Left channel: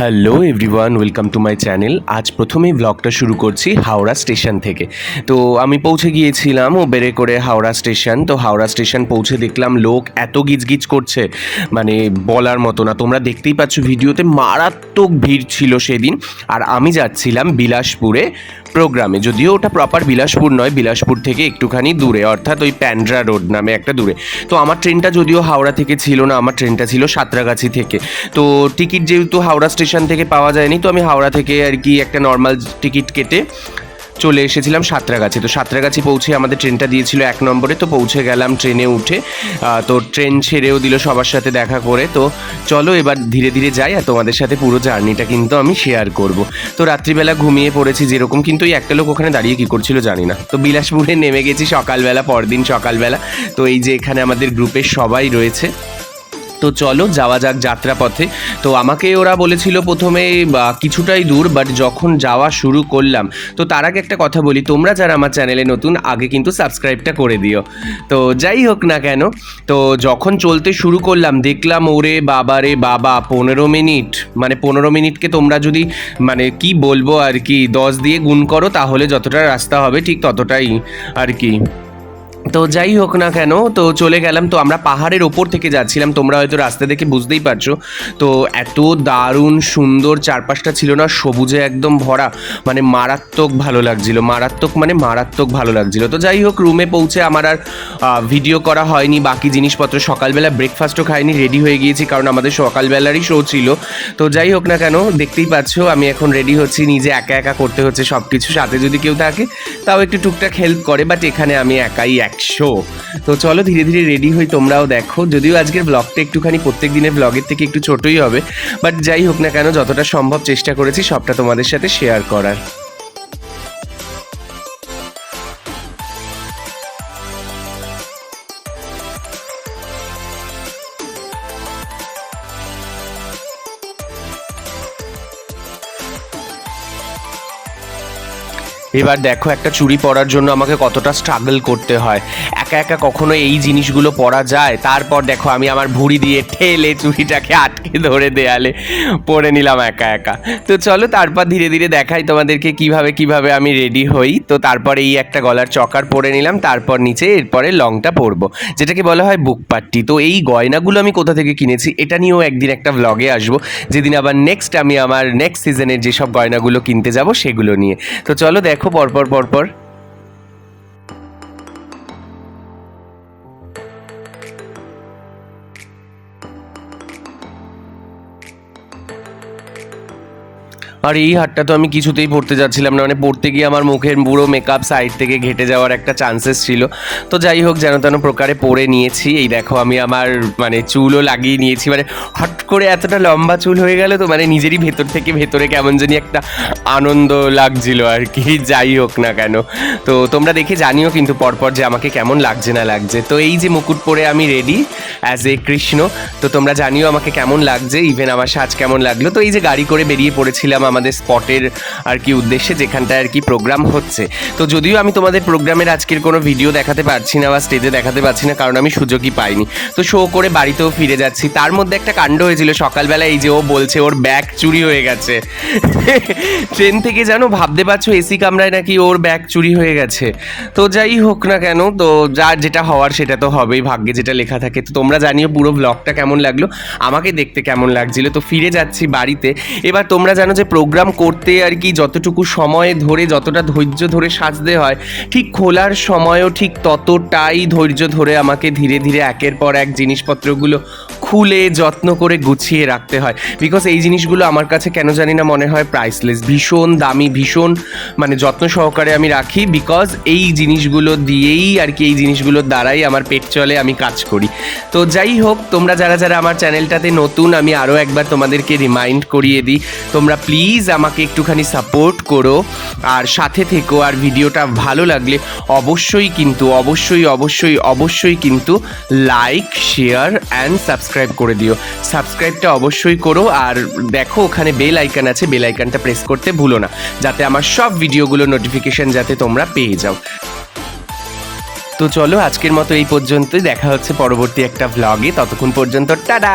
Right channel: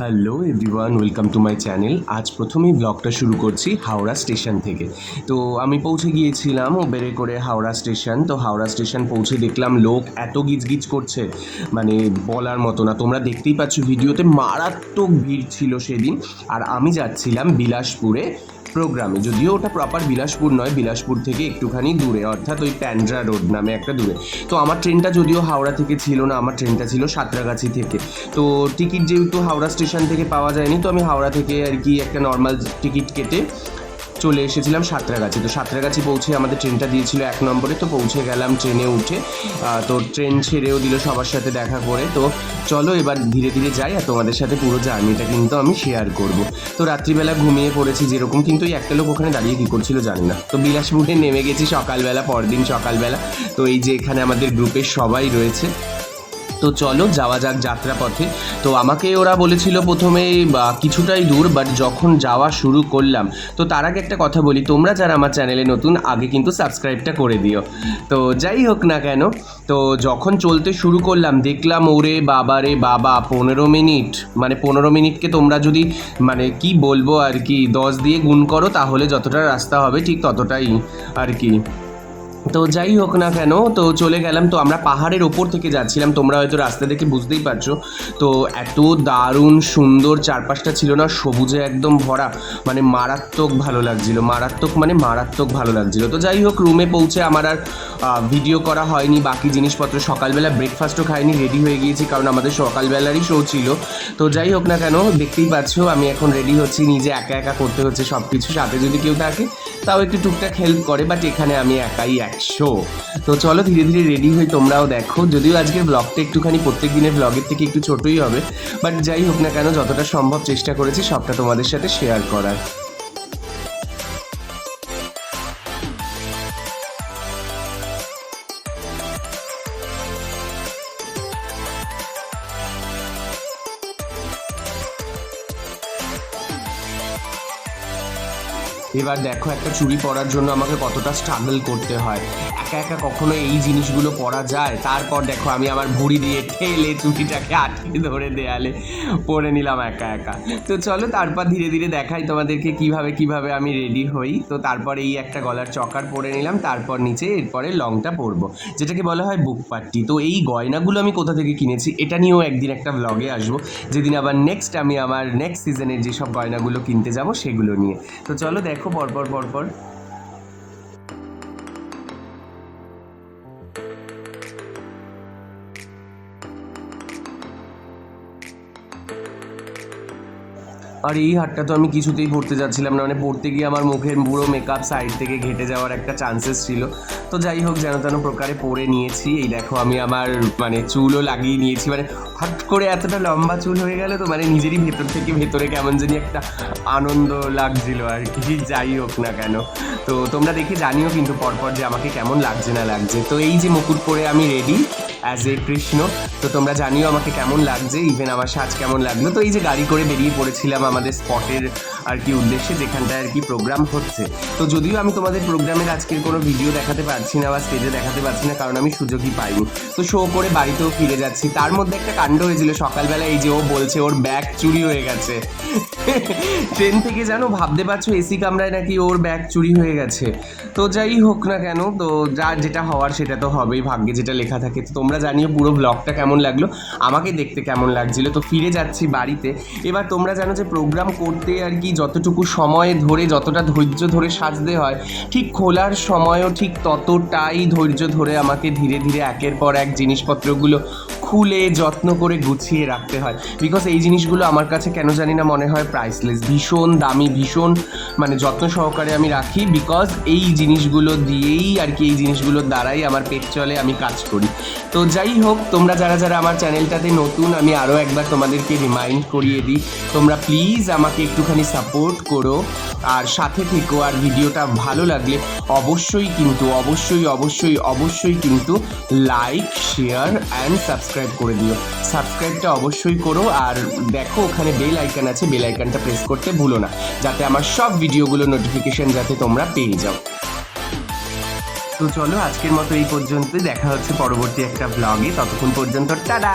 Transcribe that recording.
Hello everyone, welcome to my channel. আজ প্রথমেই ব্লগটা শুরু করছি হাওড়া স্টেশন থেকে। তো আমি পৌঁছে গিয়েছিলাম উবেরে করে হাওড়া স্টেশন। তো হাওড়া স্টেশন পৌঁছে দেখলাম লোক এত গিজগিজ করছে, মানে বলার মতো না। তোমরা দেখতেই পাচ্ছ ভিডিওতে, মারাত্মক ভিড় ছিল সেদিন। আর আমি যাচ্ছিলাম বিলাসপুরে প্রোগ্রামে, যদিও ওটা প্রপার বিলাসপুর নয়, বিলাসপুর থেকে একটুখানি দূরে, অর্থাৎ ওই প্যান্ড্রা রোড নামে একটা দূরে। তো আমার ট্রেনটা যদিও হাওড়া থেকে ছিল না, আমার ট্রেনটা ছিল সাঁতরাগাছি থেকে। তো টিকিট যেহেতু হাওড়া স্টেশন থেকে পাওয়া যায়নি, তো আমি হাওড়া থেকে আর কি একটা নর্মাল টিকিট কেটে চলে এসেছিলাম সাঁতরাগাছি। তো সাঁতরাগাছি পৌঁছে আমাদের ট্রেনটা দিয়েছিল 1 নম্বরে। তো পৌঁছে গেলাম ট্রেনে উঠে। তো ট্রেন ছেড়েও দিল সবার সাথে দেখা করে। তো চলো এবার ধীরে ধীরে যাই, আর তোমাদের সাথে পুরো জার্নিটা কিন্তু আমি শেয়ার করব। তো রাত্রিবেলা ঘুমিয়ে পড়েছি যেরকম, কিন্তু ওই একটা লোক ওখানে দাঁড়িয়ে কী করছিল জানি না। তো বিলাসপুরে নেমে গেছি সকালবেলা, পরদিন সকালবেলা। তো এই যে এখানে আমাদের গ্রুপের সবাই রয়েছে। তো চলো যাওয়া যাক যাত্রাপথে। তো আমাকে ওরা বলেছিল প্রথমে কিছুটাই দূর, বাট যখন যাওয়া শুরু করলাম, তো তার আগে একটা কথা বলি, তোমরা যারা আমার চ্যানেলে নতুন আগে কিন্তু সাবস্ক্রাইবটা করে দিও। তো যাই হোক না কেন, তো যখন চলতে শুরু করলাম দেখলাম ওরে বাবা রে বাবা, 15 মিনিট, মানে 15 মিনিটকে তোমরা যদি মানে কি বলবো আর কি 10 দিয়ে গুণ করো, তাহলে যতটা রাস্তা হবে ঠিক ততটাই আর কি। তো যাই হোক না কেন, তো চলে গেলাম। তো আমরা পাহাড়ের ওপর থেকে যাচ্ছিলাম, তোমরা হয়তো রাস্তা দেখে বুঝতেই পারছো। তো এত দারুণ সুন্দর চারপাশটা ছিল না, সবুজে একদম ভরা, মানে মারাত্মক ভালো লাগছিল, মারাত্মক ভালো লাগছিল। তো যাই হোক, রুমে পৌঁছে আমার আর ভিডিও করা হয়নি, বাকি জিনিসপত্র, সকালবেলা ব্রেকফাস্টও খাইনি, রেডি হয়ে গিয়েছি, কারণ আমাদের সকালবেলারই শো ছিল। তো যাই হোক না কেন, দেখতেই পাচ্ছ আমি এখন রেডি হচ্ছি, নিজে একা একা করতে হচ্ছে সব কিছু। সাথে যদি কেউ থাকে তাও একটু টুকটাক হেল্প করে, বাট এখানে আমি একাই 100। তো চলো ধীরে ধীরে রেডি হই, তোমরাও দেখো। যদিও আজকের ব্লগটা একটুখানি প্রত্যেক দিনের ব্লগের থেকে একটু ছোটই হবে, বাট যাই হোক না কেন, যতটা সম্ভব চেষ্টা করেছি সবটা তোমাদের সাথে শেয়ার করার। এবার দেখো, একটা চুড়ি পরার জন্য আমাকে কতটা স্ট্রাগল করতে হয়। একা একা কখনো এই জিনিসগুলো পরা যায়? তারপর দেখো আমি আমার ভুঁড়ি দিয়ে ঠেলে চুড়িটাকে আটকে ধরে দেয়ালে পরে নিলাম একা একা। তো চলো তারপর ধীরে ধীরে দেখাই তোমাদেরকে কিভাবে আমি রেডি হই। তো তারপর এই একটা গলার চকার পরে নিলাম, তারপর নিচে এরপরে লংটা পরবো, যেটাকে বলা হয় বুক পাট্টি। তো এই গয়নাগুলো আমি কোথা থেকে কিনেছি এটা নিয়েও একদিন একটা ব্লগে আসবো, যেদিন আবার আমি আমার নেক্সট সিজনের যেসব গয়নাগুলো কিনতে যাব সেগুলো নিয়ে। তো চলো দেখো পরপর। আর এই হারটা তো আমি কিছুতেই পড়তে যাচ্ছিলাম না, মানে পড়তে গিয়ে আমার মুখের পুরো মেকআপ সাইড থেকে ঘেটে যাওয়ার একটা চান্সেস ছিল। তো যাই হোক, যেন তেন প্রকারে পরে নিয়েছি। এই দেখো আমি আমার মানে চুলও লাগিয়ে নিয়েছি, মানে হট করে এতটা লম্বা চুল হয়ে গেল, তো মানে নিজেরই ভেতর থেকে ভেতরে কেমন জানি একটা আনন্দ লাগছিল আর কি। যাই হোক না কেন, তো তোমরা দেখে জানিও কিন্তু পরপর যে আমাকে কেমন লাগছে না লাগছে। তো এই যে মুকুট পরে আমি রেডি অ্যাজ এ কৃষ্ণ, তো তোমরা জানিও আমাকে কেমন লাগছে, ইভেন আমার সাজ কেমন লাগলো। তো এই যে গাড়ি করে বেরিয়ে পড়েছিলাম আমাদের স্পটের আর কি উদ্দেশ্যে, যেখানটায় আর কি প্রোগ্রাম হচ্ছে। তো যদিও আমি তোমাদের প্রোগ্রামের আজকের কোনো ভিডিও দেখাতে পারছি না বা স্টেজে দেখাতে পারছি না, কারণ আমি সুযোগই পাইনি। তো শো করে বাড়িতেও ফিরে যাচ্ছি। তার মধ্যে একটা কাণ্ড হয়েছিল সকালবেলা, এই যে ও বলছে ওর ব্যাগ চুরি হয়ে গেছে ট্রেন থেকে, জানো, ভাবতে পারছো এসি কামরায় নাকি ওর ব্যাগ চুরি হয়ে গেছে। তো যাই হোক না কেন, তো যার যেটা হওয়ার সেটা তো হবেই, ভাগ্যে যেটা লেখা থাকে। তো তোমরা জানিও পুরো ব্লগটা কেমন লাগলো, আমাকে দেখতে কেমন লাগছিল। তো ফিরে যাচ্ছি বাড়িতে। এবার তোমরা জানো যে প্রোগ্রাম করতে আর কি যতটুকু সময় ধরে, যতটা ধৈর্য ধরে সাজতে হয়, ঠিক খোলার সময়ও ঠিক ততটাই ধৈর্য ধরে আমাকে ধীরে ধীরে একের পর এক জিনিসপত্রগুলো খুলে যত্ন করে গুছিয়ে রাখতে হয়। বিকজ এই জিনিসগুলো আমার কাছে কেন জানি না মনে হয় প্রাইসলেস, ভীষণ দামি, ভীষণ মানে যত্ন সহকারে আমি রাখি। বিকজ এই জিনিসগুলো দিয়েই আর কি, এই জিনিসগুলোর দ্বারাই আমার পেট চলে, আমি কাজ করি। তো যাই হোক, তোমরা যারা আমার চ্যানেলটাতে নতুন, আমি আরও একবার তোমাদেরকে রিমাইন্ড করিয়ে দিই, তোমরা প্লিজ আমাকে একটুখানি সাপোর্ট করো আর সাথে থেকো। আর ভিডিওটা ভালো লাগলে অবশ্যই কিন্তু লাইক, শেয়ার অ্যান্ড সাবস্ক্রাইব করে দিও। সাবস্ক্রাইবটা অবশ্যই করো, আর দেখো ওখানে বেল আইকন আছে, বেল আইকনটা প্রেস করতে ভুলো না, যাতে আমার সব ভিডিওগুলো নোটিফিকেশন যাতে তোমরা পেয়ে যাও। তো চলো আজকের মতো এই পর্যন্তই, দেখা হচ্ছে পরবর্তী একটা ব্লগে। ততক্ষণ পর্যন্ত টাটা।